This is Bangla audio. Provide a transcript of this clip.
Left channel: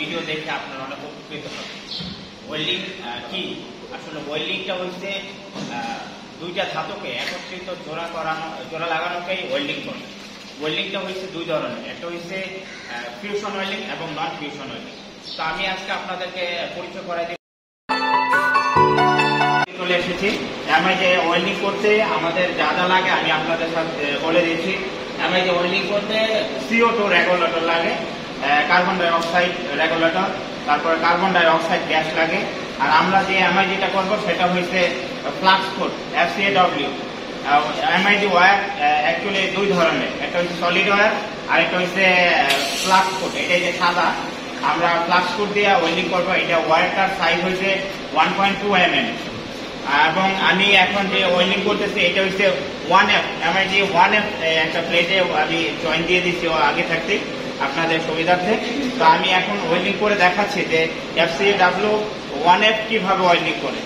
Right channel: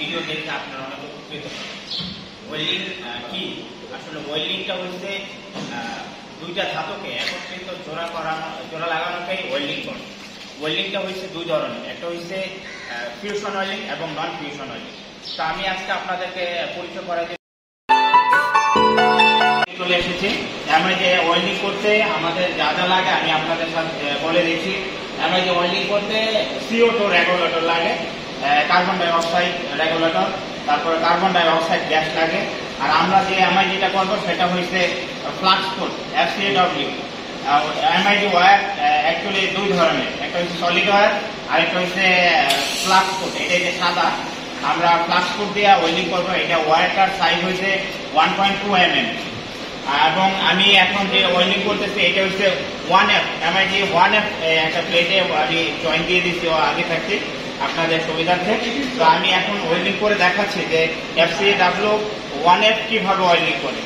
ভিডিও দেখে আপনারা অনেক উপকৃত হবেন। ওয়েল্ডিং কি? আসলে ওয়েল্ডিংটা হচ্ছে দুইটা ধাতুকে একত্রিত জোড়া লাগানোকেই ওয়েল্ডিং করে। ওয়েল্ডিংটা হচ্ছে দুই ধরনের, একটা হচ্ছে ফিউশন ওয়েল্ডিং এবং নন ফিউশন ওয়েল্ডিং। তো আমি আজকে আপনাদেরকে পরিচয় করে দিই। চলে এসেছি। আমি যে ওয়েল্ডিং করতে আমাদের যা যা লাগে আমি আপনাদের সাথে বলে দিচ্ছি। আমি যে ওয়েল্ডিং করতে CO2 রেগুলেটর লাগে, কার্বন ডাই অক্সাইড রেগুলেটর, তারপরে কার্বন ডাই অক্সাইড গ্যাস লাগে। আর আমরা যে এমআইডি টা করবো সেটা হচ্ছে flux code FCAW। MID wire actually দুই ধরনের, একটা হচ্ছে সলিড ওয়্যার আর একটা হচ্ছে ফ্লাক্স কোড। এটা যে সাদা, আমরা ফ্লাক্স কোড দিয়ে ওয়েল্ডিং করবো। এটা ওয়্যারটার সাইজ হচ্ছে 1.2 mm। এবং আমি এখন যে ওয়েল্ডিং করতেছি এটা হচ্ছে 1F, এমআইডি 1F একটা প্লেটে আমি জয়েন্ট দিয়ে দিচ্ছি আগে থাকতে আপনাদের সুবিধার্থে। তো আমি এখন ওয়েল্ডিং করে দেখাচ্ছি যে FCAW 1F কিভাবে ওয়েল্ডিং করে।